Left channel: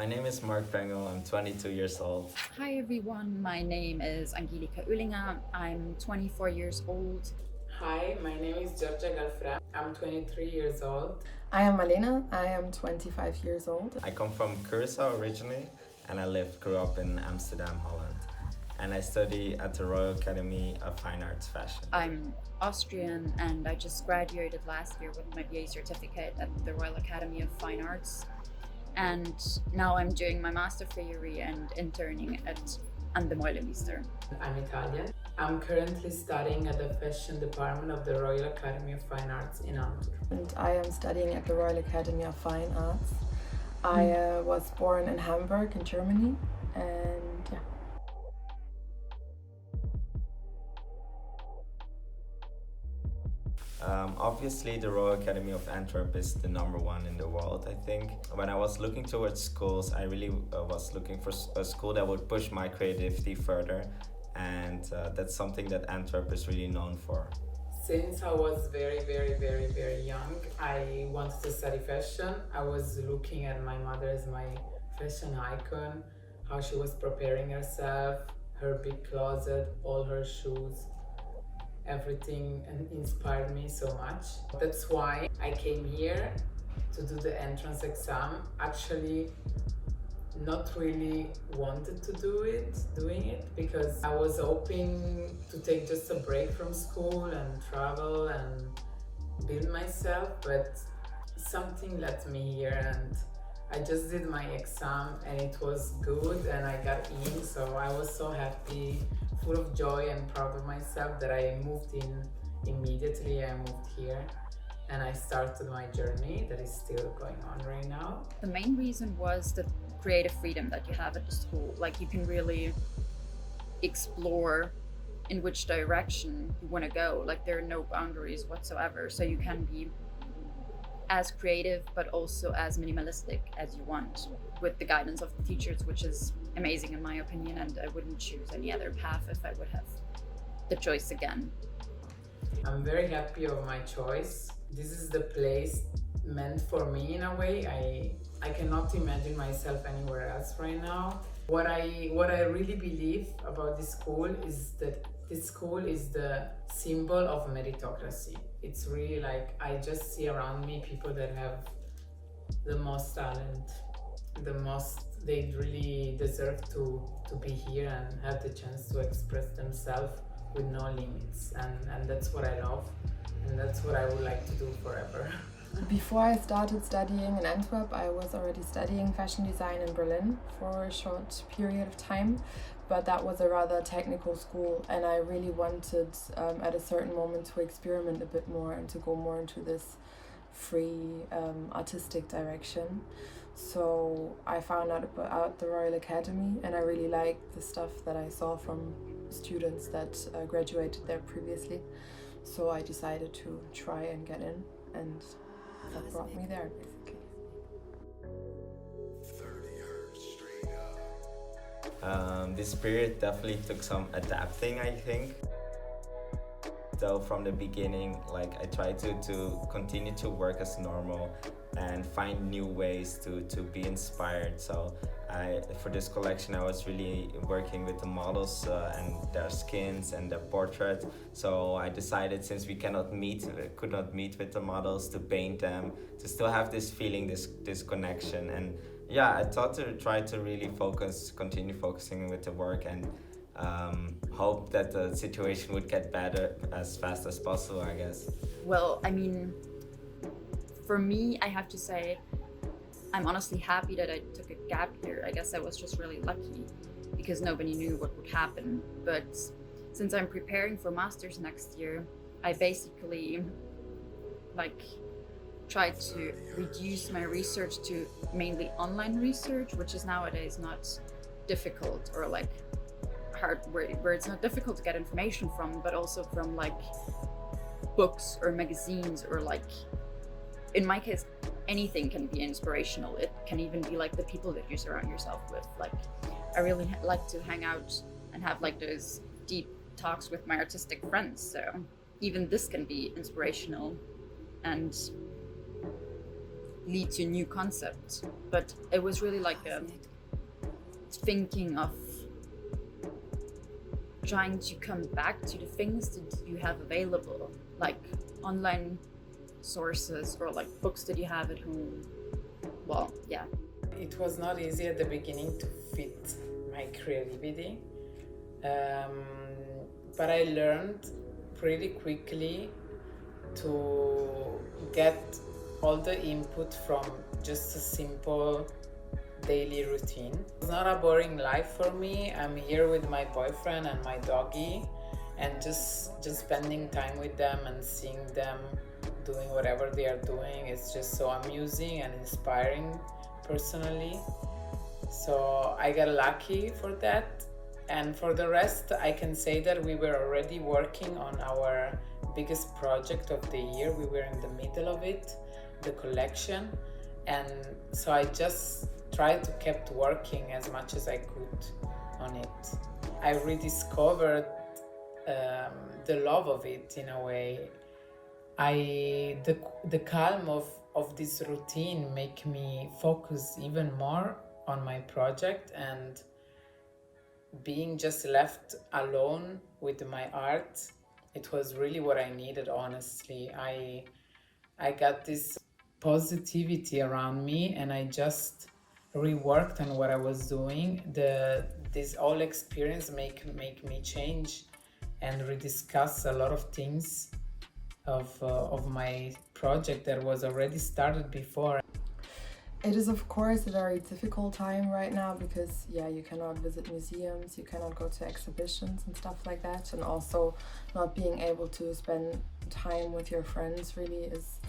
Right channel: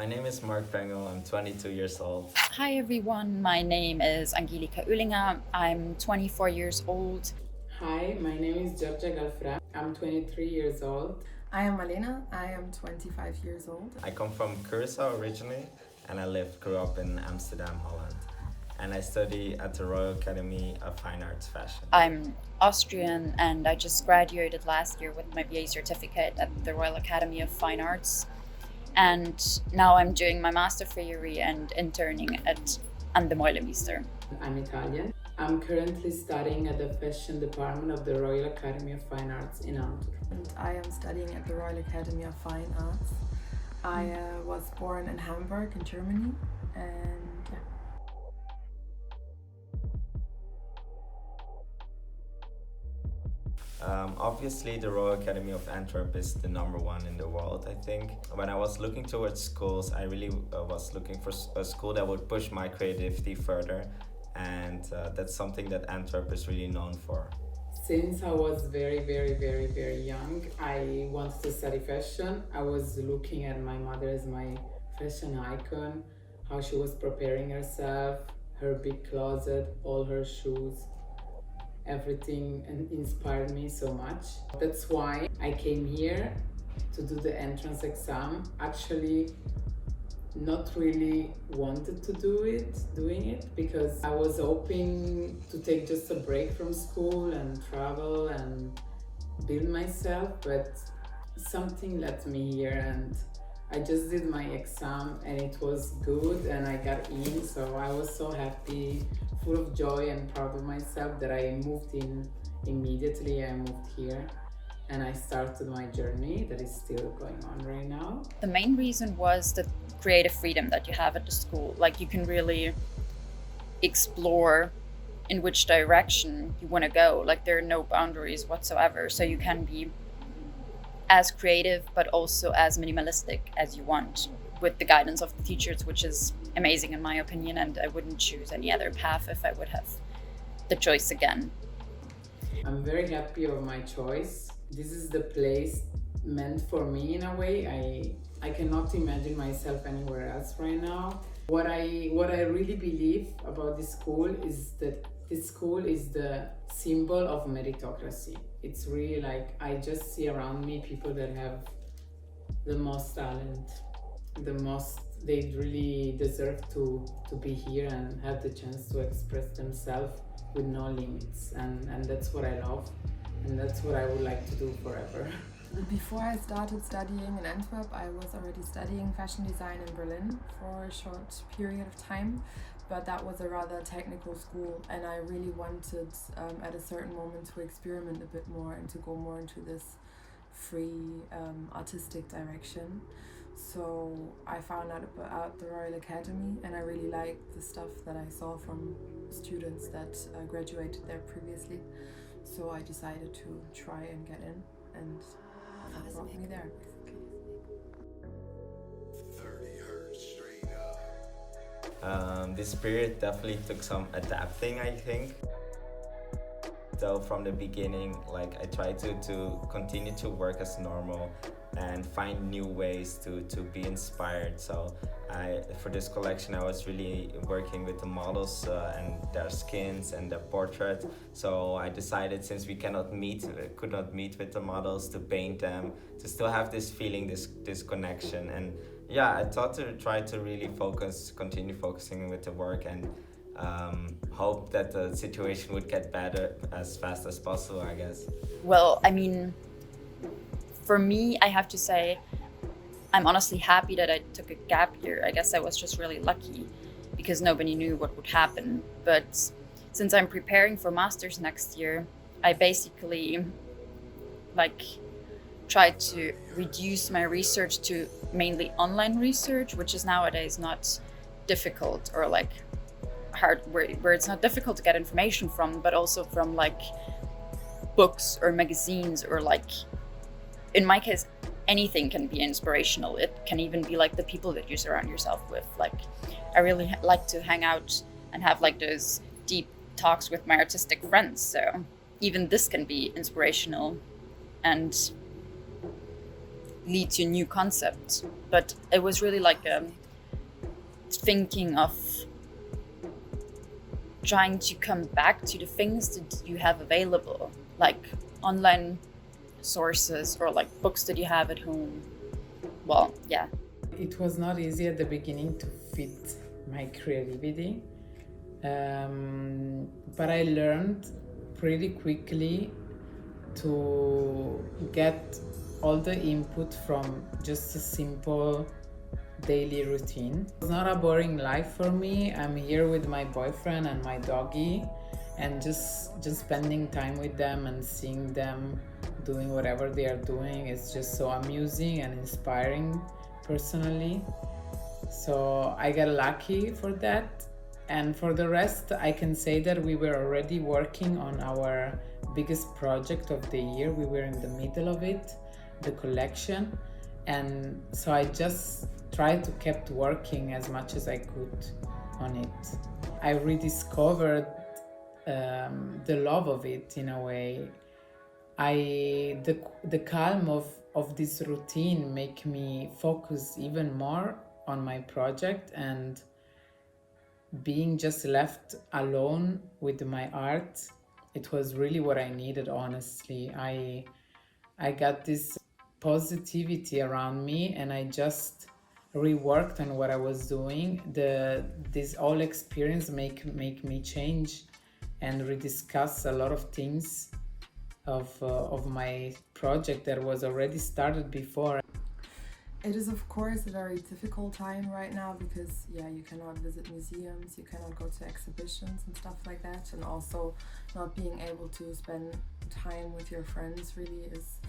My name is Marc. I'm 22 years old. Hi everyone, my name is Angelika. I'm 24 years old. Hi, my name is Giorgia I'm 23 years old. I am Malhene. I am 25 years old. I come from Curaçao originally, and grew up in Amsterdam, Holland. And I study at the Royal Academy of Fine Arts Fashion. I'm Austrian and I just graduated last year with my BA certificate at the Royal Academy of Fine Arts. And now I'm doing my master theory and interning at Antwerp. I'm Italian. I'm currently studying at the fashion department of the Royal Academy of Fine Arts in Antwerp. And I am studying at the Royal Academy of Fine Arts. I was born in Hamburg in Germany, and yeah. Obviously, the Royal Academy of Antwerp is the number one in the world, I think. When I was looking towards schools, I really was looking for a school that would push my creativity further, and that's something that Antwerp is really known for. Since I was very young, I wanted to study fashion. I was looking at my mother as my fashion icon, how she was preparing herself, her big closet, all her shoes. Everything inspired me so much. That's why I came here to do the entrance exam. Actually, not really wanted to doing it because I was hoping to take just a break from school and travel and build myself, but something led me here and I just did my exam and it was good and I got in, so I was so happy, full of joy and proud of myself that I moved in immediately. I moved here and I started my journey that is still going on right now. The main reason was the creative freedom that you have at the school. Like you can really explore in which direction you want to go. Like there are no boundaries whatsoever, so you can be as creative but also as minimalistic as you want with the guidance of the teachers, which is amazing in my opinion, and I wouldn't choose any other path if I would have the choice again. I'm very happy of my choice. This is the place meant for me in a way. I cannot imagine myself anywhere else right now. What I really believe about this school is that this school is the symbol of meritocracy. It's really like I just see around me people that have the most talent, they really deserve to be here and have the chance to express themselves with no limits, and that's what I love and that's what I would like to do forever. Before I started studying in Antwerp, I was already studying fashion design in Berlin for a short period of time, but that was a rather technical school and I really wanted at a certain moment to experiment a bit more and to go more into this free artistic direction. So I found out about the Royal Academy and I really liked the stuff that I saw from students that graduated there previously. So I decided to try and get in, and that brought me there basically. This period definitely took some adapting, I think. So from the beginning, like I tried to continue to work as normal and find new ways to be inspired. So for this collection, I was really working with the models and their skins and their portraits. So I decided, since we could not meet with the models, to paint them, to still have this feeling, this connection. And yeah, I thought to try to really continue focusing with the work and hope that the situation would get better as fast as possible, I guess. Well, I mean, for me, I have to say, I'm honestly happy that I took a gap year. I guess I was just really lucky because nobody knew what would happen. But since I'm preparing for masters next year, I basically tried to reduce my research to mainly online research, which is nowadays not difficult or hard, where it's not difficult to get information from, but also from books or magazines or in my case, anything can be inspirational. It can even be the people that you surround yourself with. I really like to hang out and have those deep talks with my artistic friends. So even this can be inspirational. And lead to a new concept. But it was really like thinking of trying to come back to the things that you have available, like online sources or like books that you have at home. Well, yeah. It was not easy at the beginning to fit my creativity, but I learned pretty quickly to get all the input from just a simple daily routine. It's not a boring life for me. I'm here with my boyfriend and my doggy, and just spending time with them and seeing them doing whatever they are doing is just so amusing and inspiring personally. So I got lucky for that. And for the rest, I can say that we were already working on our biggest project of the year. We were in the middle of it, the collection. And so I just tried to keep working as much as I could on it. I rediscovered the love of it in a way. The calm of this routine make me focus even more on my project, and being just left alone with my art, it was really what I needed, honestly. I got this positivity around me, and I just reworked on what I was doing. This whole experience make me change and rediscuss a lot of things of my project that was already started before. It is of course a very difficult time right now because you cannot visit museums, you cannot go to exhibitions and stuff like that, and also not being able to spend time with your friends really is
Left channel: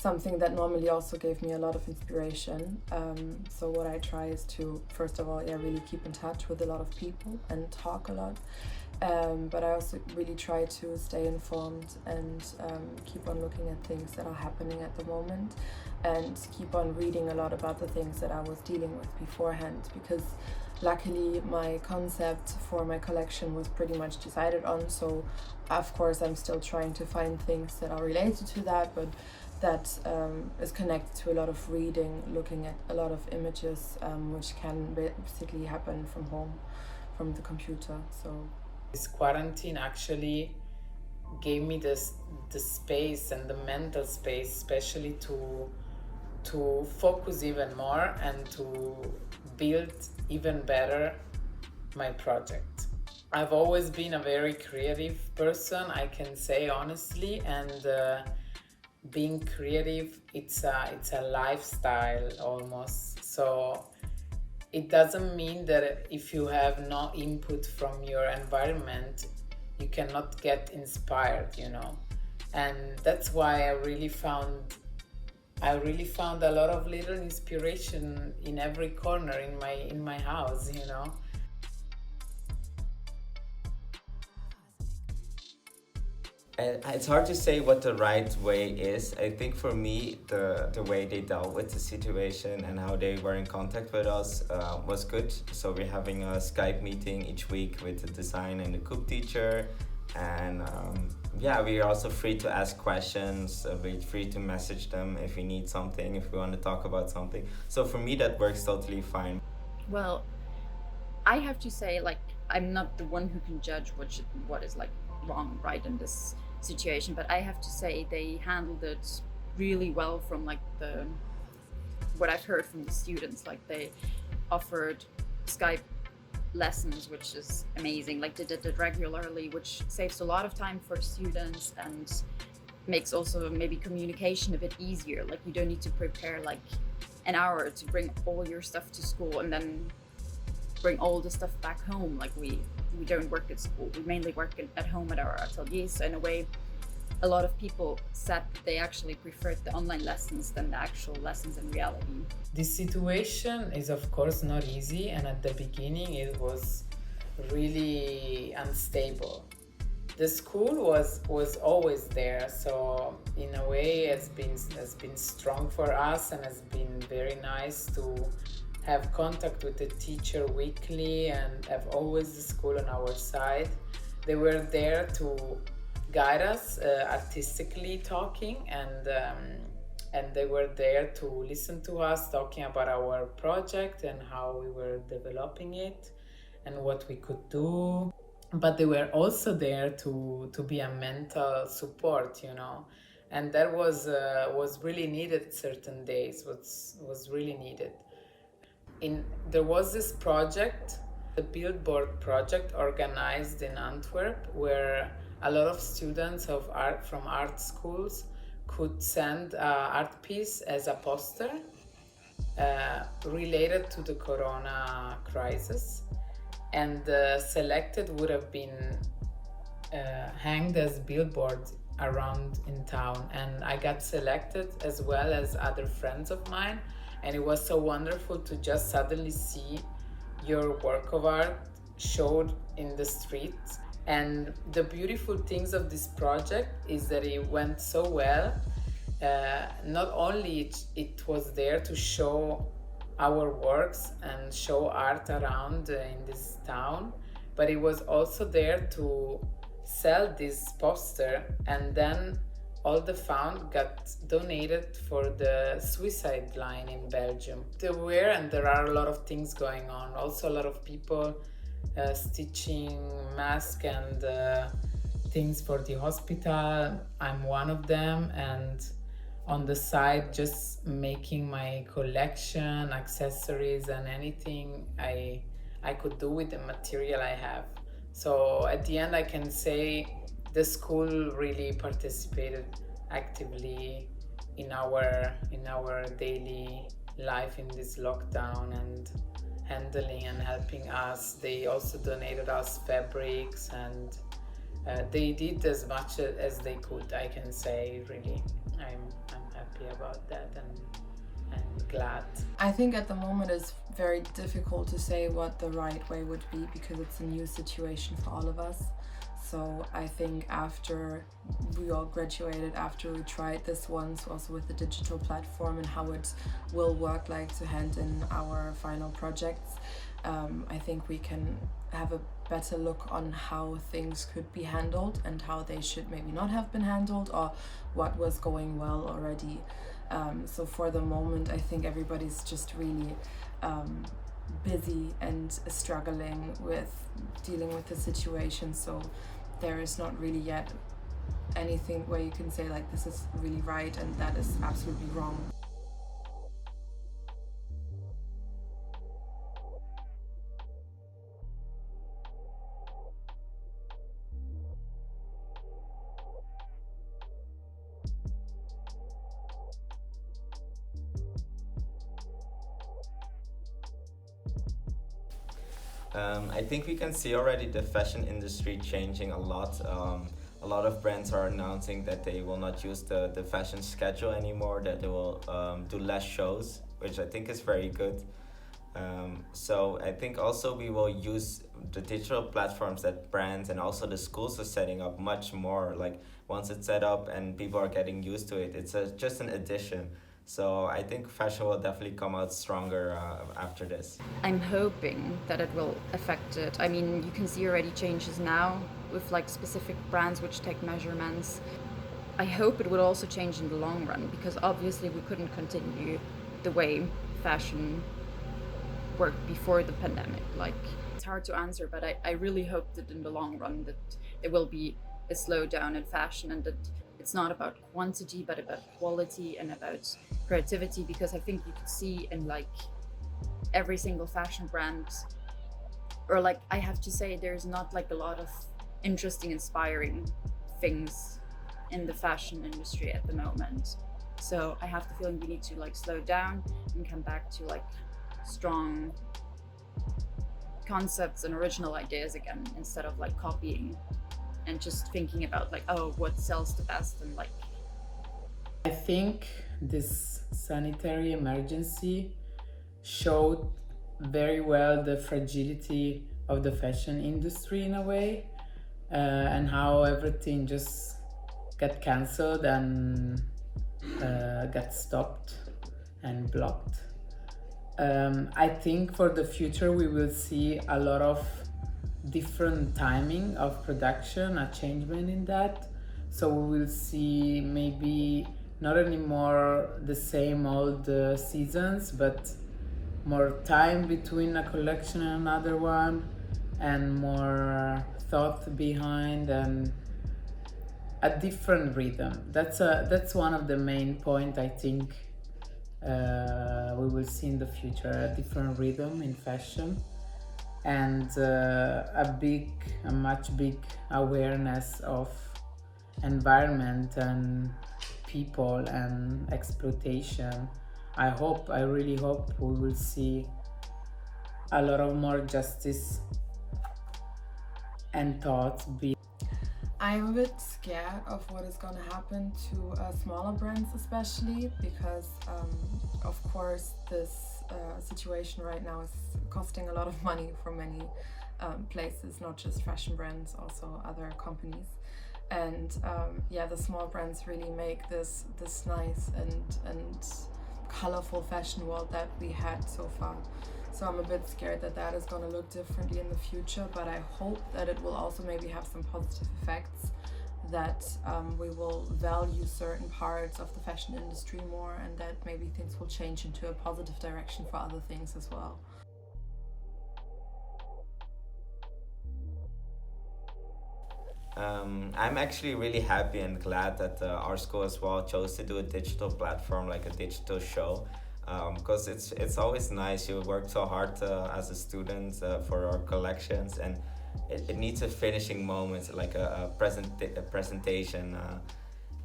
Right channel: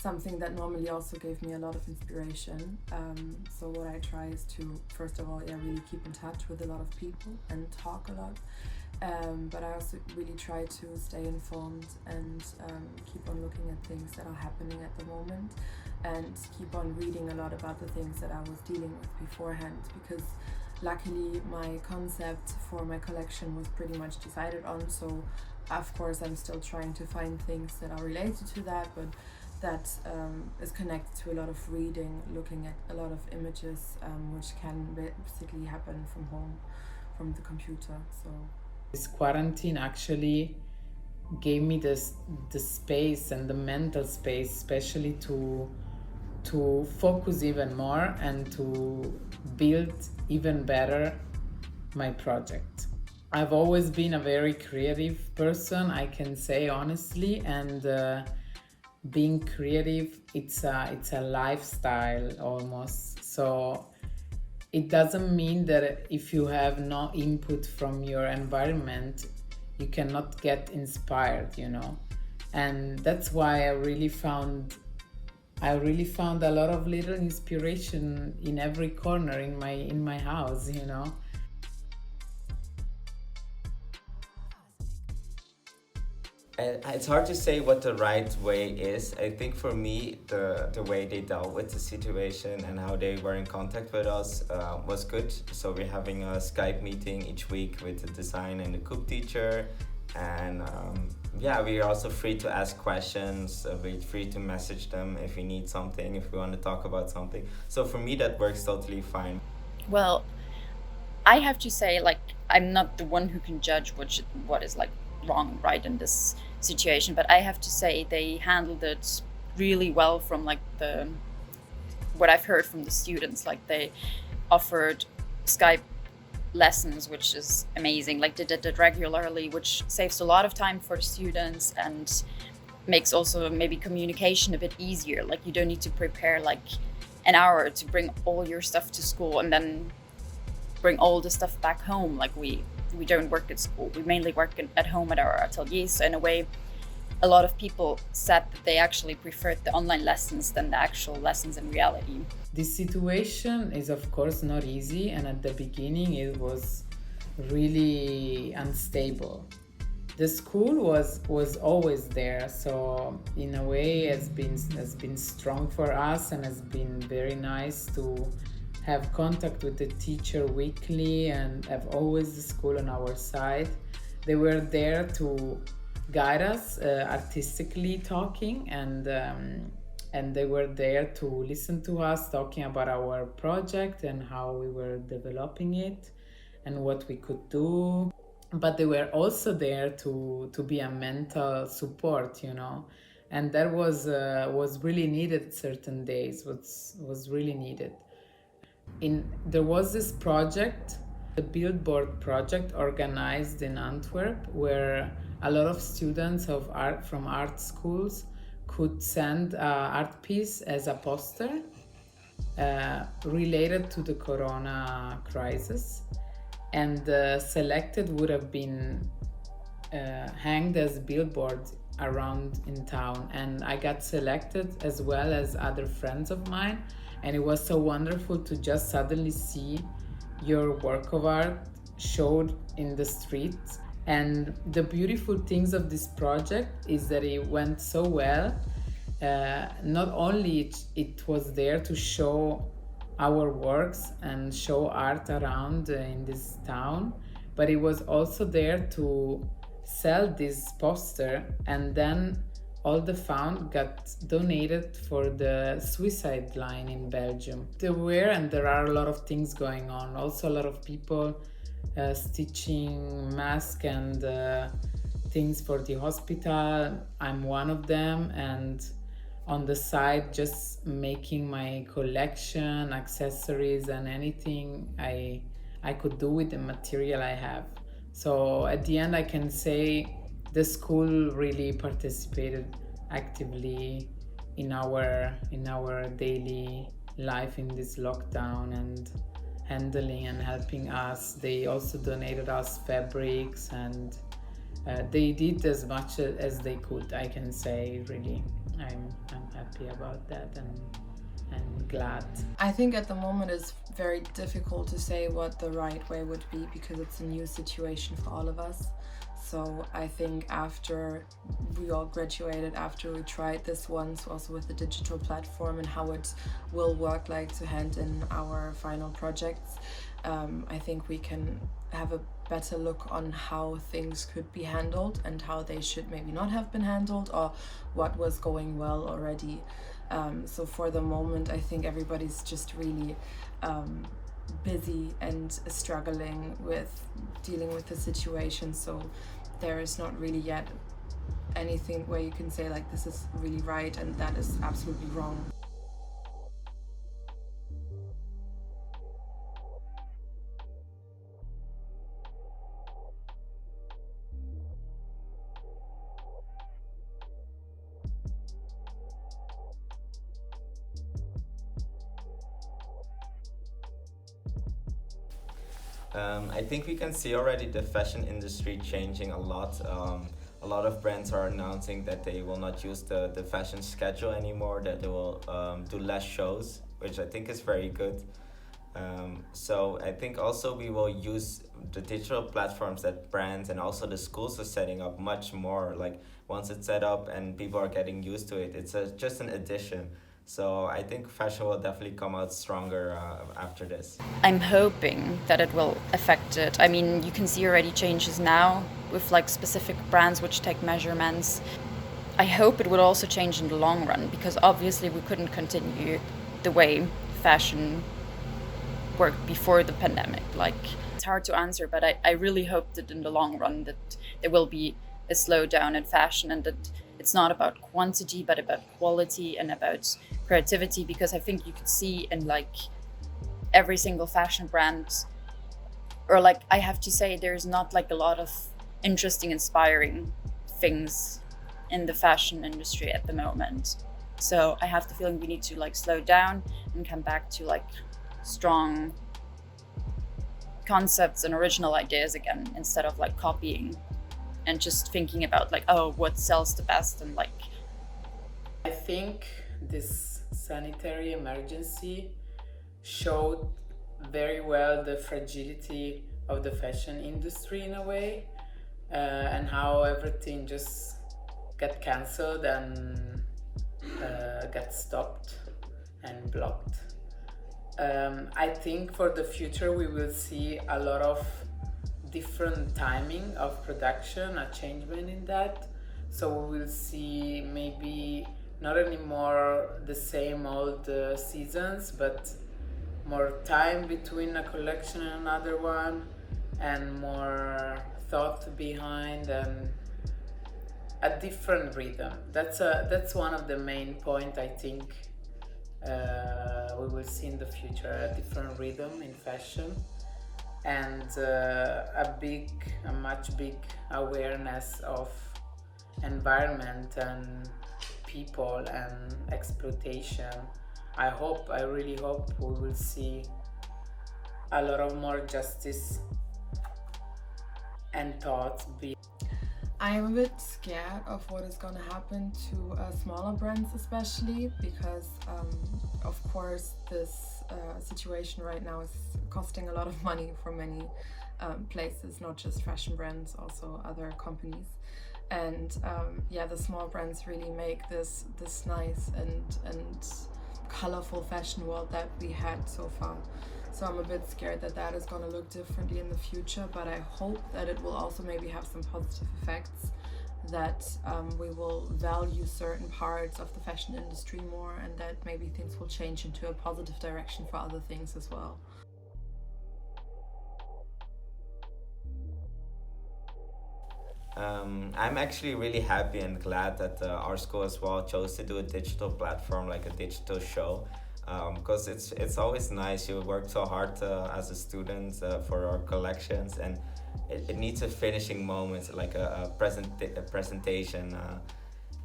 something that normally also gave me a lot of inspiration. So what I try is to, first of all, really keep in touch with a lot of people and talk a lot. But I also really try to stay informed and keep on looking at things that are happening at the moment, and keep on reading a lot about the things that I was dealing with beforehand, because luckily my concept for my collection was pretty much decided on. So of course I'm still trying to find things that are related to that, but that is connected to a lot of reading, looking at a lot of images, which can basically happen from home, from the computer. So this quarantine actually gave me the space and the mental space, especially to focus even more and to build even better my project. I've always been a very creative person, I can say honestly, and being creative, it's a lifestyle almost. So it doesn't mean that if you have no input from your environment, you cannot get inspired, And that's why I really found a lot of little inspiration in every corner in my house, It's hard to say what the right way is. I think for me, the way they dealt with the situation and how they were in contact with us was good. So we're having a Skype meeting each week with the design and the cook teacher. And we're also free to ask questions. We're free to message them if we need something, if we want to talk about something. So for me, that works totally fine. Well, I have to say, like, I'm not the one who can judge what is like wrong, right in this situation, but I have to say they handled it really well from like what I've heard from the students. Like, they offered Skype lessons, which is amazing. Like, they did it regularly, which saves a lot of time for the students and makes also maybe communication a bit easier. Like, you don't need to prepare like an hour to bring all your stuff to school and then bring all the stuff back home. Like, we don't work at school, we mainly work at home at our ateliers. So in a way, a lot of people said that they actually preferred the online lessons than the actual lessons in reality. This situation is of course not easy, and at the beginning it was really unstable. The school was always there, so in a way has been strong for us, and has been very nice to have contact with the teacher weekly and have always the school on our side. They were there to guide us artistically talking, and and they were there to listen to us talking about our project and how we were developing it and what we could do. But they were also there to be a mental support, and that was really needed. Certain days was really needed. There was this project, the Billboard project, organized in Antwerp, where a lot of students of art from art schools could send an art piece as a poster related to the corona crisis, and selected would have been hanged as billboards around in town. And I got selected as well as other friends of mine, and it was so wonderful to just suddenly see your work of art showed in the streets. And the beautiful things of this project is that it went so well. Not only it was there to show our works and show art around in this town, but it was also there to sell this poster, and then all the fund got donated for the suicide line in Belgium. There are a lot of things going on. Also a lot of people stitching masks and things for the hospital. I'm one of them, and on the side just making my collection, accessories and anything I could do with the material I have. So at the end I can say the school really participated actively in our daily life in this lockdown, and handling and helping us. They also donated us fabrics, and they did as much as they could. I can say really I'm happy about that and glad. I think at the moment it's very difficult to say what the right way would be, because it's a new situation for all of us. So I think after we all graduated, after we tried this once also with the digital platform and how it will work like to hand in our final projects, I think we can have a better look on how things could be handled and how they should maybe not have been handled, or what was going well already. So for the moment, I think everybody's just really busy and struggling with dealing with the situation. So there is not really yet anything where you can say like this is really right and that is absolutely wrong. I think we can see already the fashion industry changing a lot. A lot of brands are announcing that they will not use the fashion schedule anymore, that they will do less shows, which I think is very good. So I think also we will use the digital platforms that brands and also the schools are setting up much more. Like once it's set up and people are getting used to it, it's just an addition. So I think fashion will definitely come out stronger after this. I'm hoping that it will affect it. I mean, you can see already changes now with like specific brands which take measurements. I hope it will also change in the long run, because obviously we couldn't continue the way fashion worked before the pandemic. Like, it's hard to answer, but I really hope that in the long run that there will be a slowdown in fashion, and that it's not about quantity but about quality and about creativity, because I think you could see in like every single fashion brand, or like I have to say there's not like a lot of interesting, inspiring things in the fashion industry at the moment. So I have the feeling we need to like slow down and come back to like strong concepts and original ideas again, instead of like copying and just thinking about like, oh, what sells the best. And like, I think this sanitary emergency showed very well the fragility of the fashion industry in a way, and how everything just got cancelled and got stopped and blocked. I think for the future we will see a lot of different timing of production, a changement in that. So we will see maybe not anymore the same old seasons, but more time between a collection and another one, and more thought behind, and a different rhythm. That's one of the main point, I think, we will see in the future, a different rhythm in fashion, and a much big awareness of environment and people and exploitation. I really hope we will see a lot of more justice and thoughts be. I'm a bit scared of what is going to happen to smaller brands, especially because, of course, this situation right now is costing a lot of money for many places, not just fashion brands, also other companies. And yeah, the small brands really make this nice and colorful fashion world that we had so far. So I'm a bit scared that that is going to look differently in the future, but I hope that it will also maybe have some positive effects, that we will value certain parts of the fashion industry more, and that maybe things will change into a positive direction for other things as well. I'm actually really happy and glad that our school as well chose to do a digital platform, like a digital show, because it's always nice. You work so hard as a student for our collections, and it needs a finishing moment, like a presentation.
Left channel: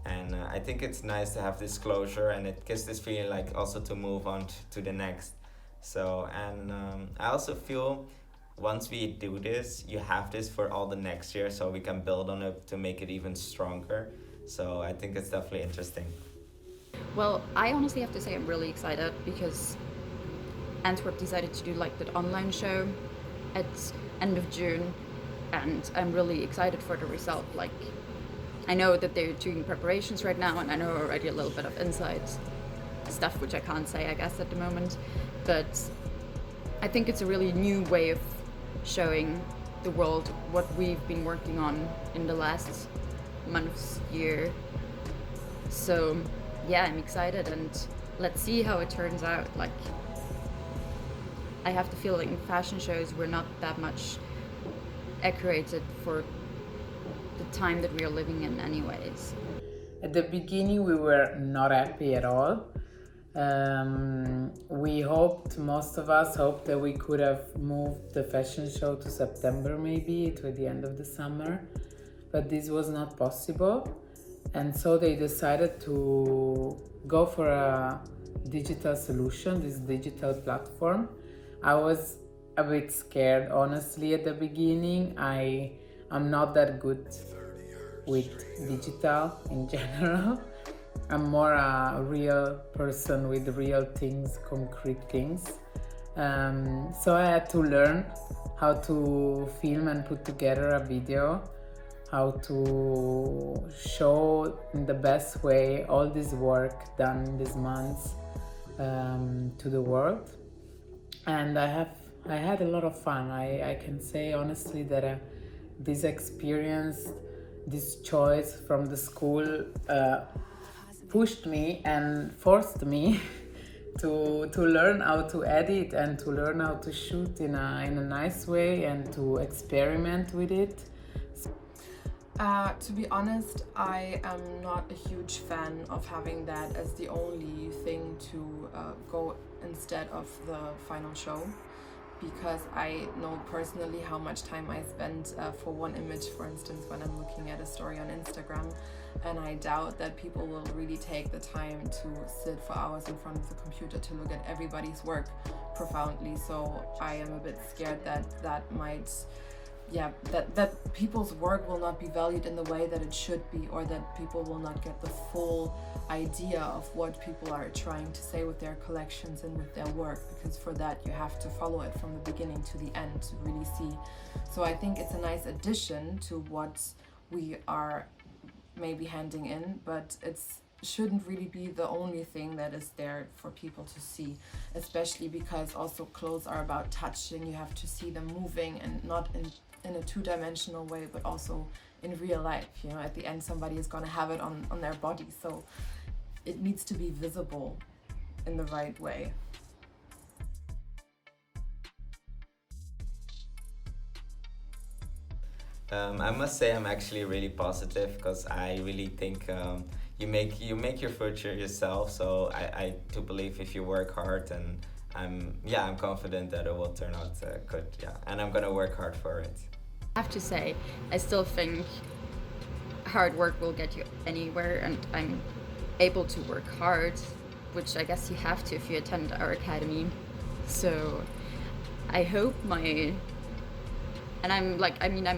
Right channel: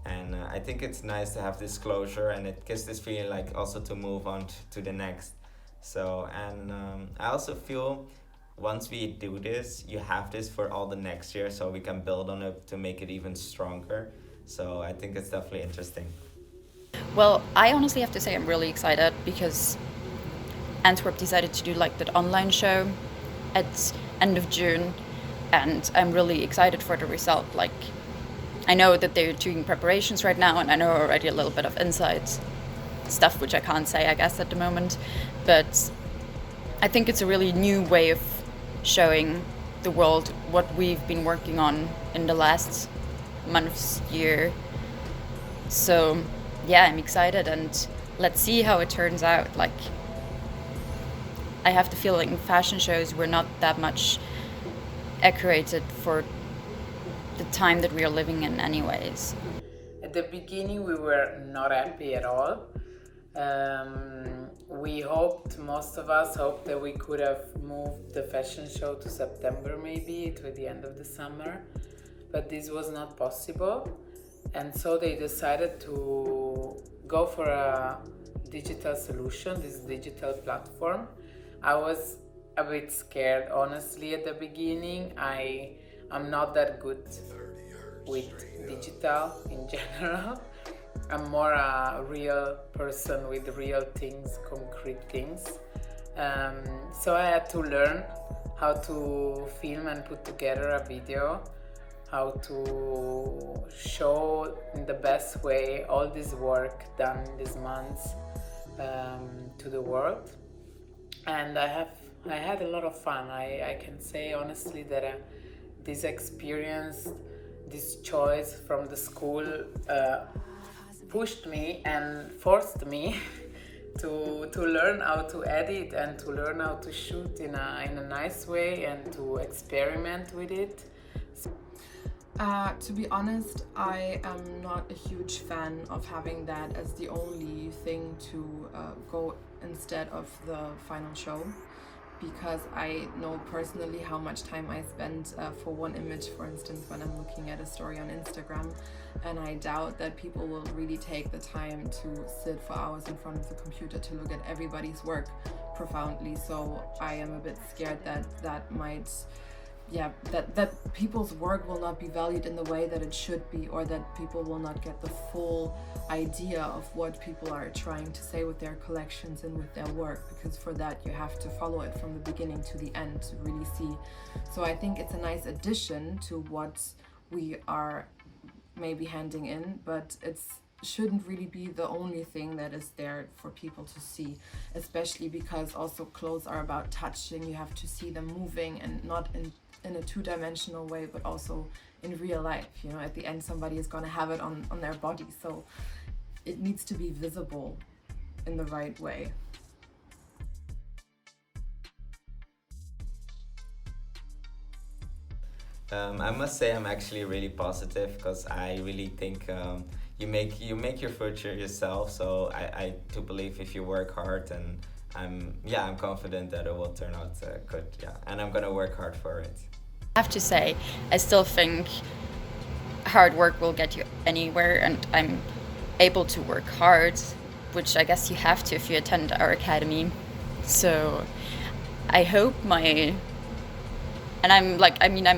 And I think it's nice to have this closure, and it gives this feeling like also to move on to the next. So, and I also feel once we do this, you have this for all the next year, so we can build on it to make it even stronger. So I think it's definitely interesting. Well, I honestly have to say I'm really excited because Antwerp decided to do like that online show at end of June, and I'm really excited for the result. Like, I know that they're doing preparations right now, and I know already a little bit of inside stuff, which I can't say, I guess, at the moment. But I think it's a really new way of showing the world what we've been working on in the last months, year. So yeah, I'm excited, and let's see how it turns out. Like, I have the feeling fashion shows were not that much accurate for the time that we are living in anyways. At the beginning, we were not happy at all. Most of us hoped that we could have moved the fashion show to September, maybe to the end of the summer, but this was not possible. And so they decided to go for a digital solution, this digital platform. I was a bit scared, honestly, at the beginning. I'm not that good with digital in general. I'm more a real person with real things, concrete things. So I had to learn how to film and put together a video, how to show in the best way all this work done in these months to the world. And I had a lot of fun. I can say honestly that this experience, this choice from the school pushed me and forced me to learn how to edit and to learn how to shoot in a nice way and to experiment with it. To be honest, I am not a huge fan of having that as the only thing to go instead of the final show, because I know personally how much time I spend for one image, for instance, when I'm looking at a story on Instagram, and I doubt that people will really take the time to sit for hours in front of the computer to look at everybody's work profoundly. So I am a bit scared that might, that people's work will not be valued in the way that it should be, or that people will not get the full idea of what people are trying to say with their collections and with their work, because for that you have to follow it from the beginning to the end to really see. So I think it's a nice addition to what we are maybe handing in, but it shouldn't really be the only thing that is there for people to see, especially because also clothes are about touching. You have to see them moving, and not in a two-dimensional way, but also in real life. You know, at the end somebody is going to have it on their body. So it needs to be visible in the right way. I must say I'm actually really positive because I really think you make your future yourself. So I do believe if you work hard, and I'm confident that it will turn out good. Yeah, and I'm gonna work hard for it. I have to say, I still think hard work will get you anywhere, and I'm able to work hard, which I guess you have to if you attend our academy. So I hope I'm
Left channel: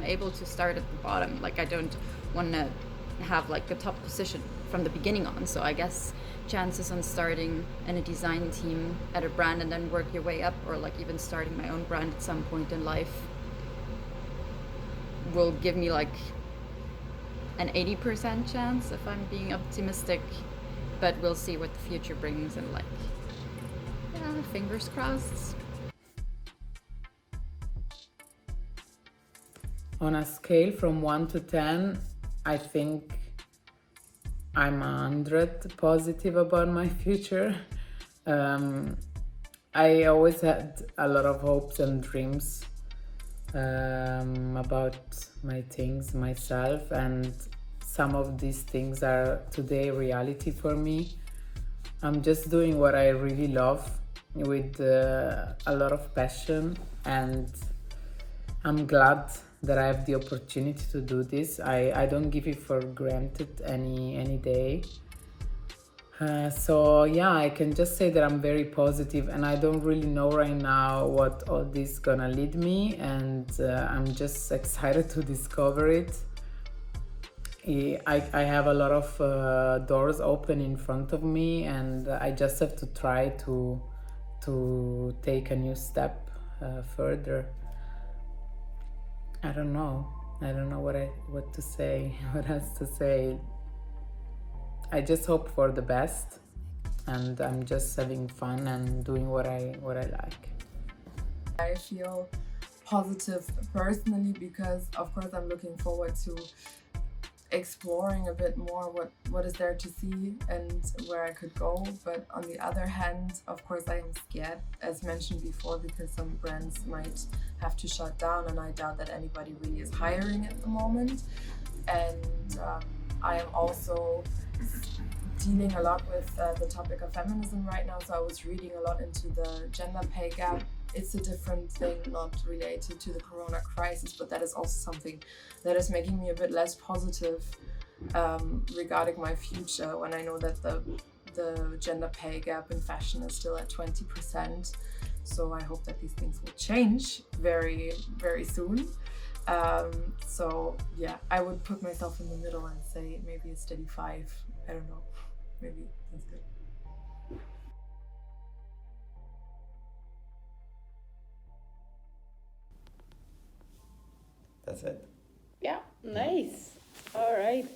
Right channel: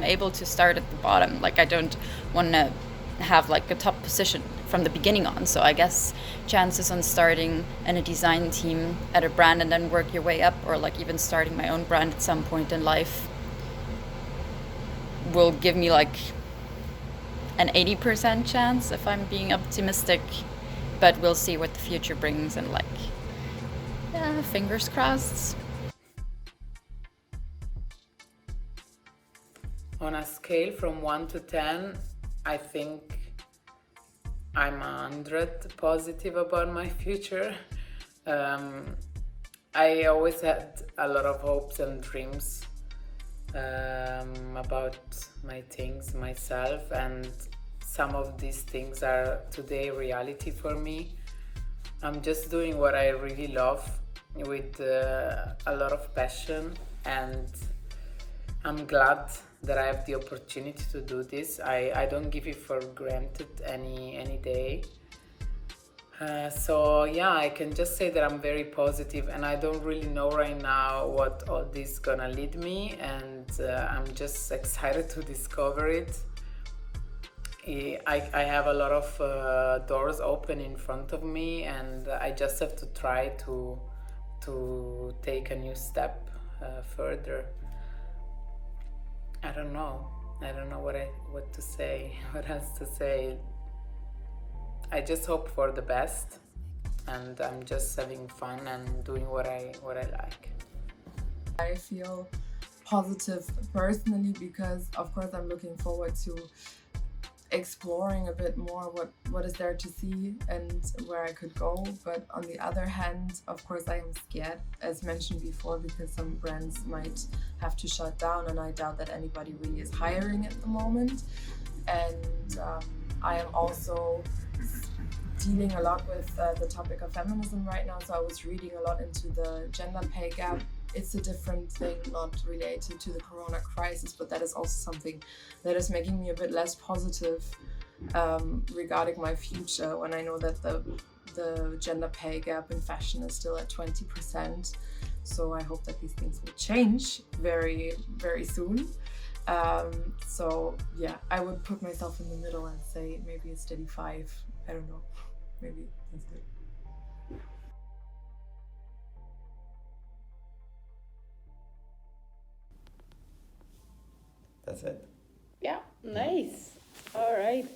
able to start at the bottom. Like, I don't want to have like a top position from the beginning on. So I guess chances on starting in a design team at a brand and then work your way up, or like even starting my own brand at some point in life, will give me like an 80% chance if I'm being optimistic. But we'll see what the future brings, and like, yeah, fingers crossed. On a scale from 1 to 10, I think I'm 100 positive about my future. I always had a lot of hopes and dreams about my things, myself, and some of these things are today reality for me. I'm just doing what I really love with a lot of passion, and I'm glad that I have the opportunity to do this. I don't give it for granted any day. So yeah, I can just say that I'm very positive, and I don't really know right now what all this is gonna lead me, and I'm just excited to discover it. I have a lot of doors open in front of me, and I just have to try to take a new step further. I don't know what to say, what else to say. I just hope for the best, and I'm just having fun and doing what I like. I feel positive personally because, of course, I'm looking forward to exploring a bit more what is there to see and where I could go. But on the other hand, of course, I am scared, as mentioned before, because some brands might have to shut down, and I doubt that anybody really is hiring at the moment. And I am also dealing a lot with the topic of feminism right now, so I was reading a lot into the gender pay gap. It's a different thing, not related to the corona crisis, but that is also something that is making me a bit less positive regarding my future, when I know that the gender pay gap in fashion is still at 20%. So I hope that these things will change very, very soon. So yeah, I would put myself in the middle and say maybe a steady 5. I don't know. Maybe that's good. That's it. Yeah, nice. All right.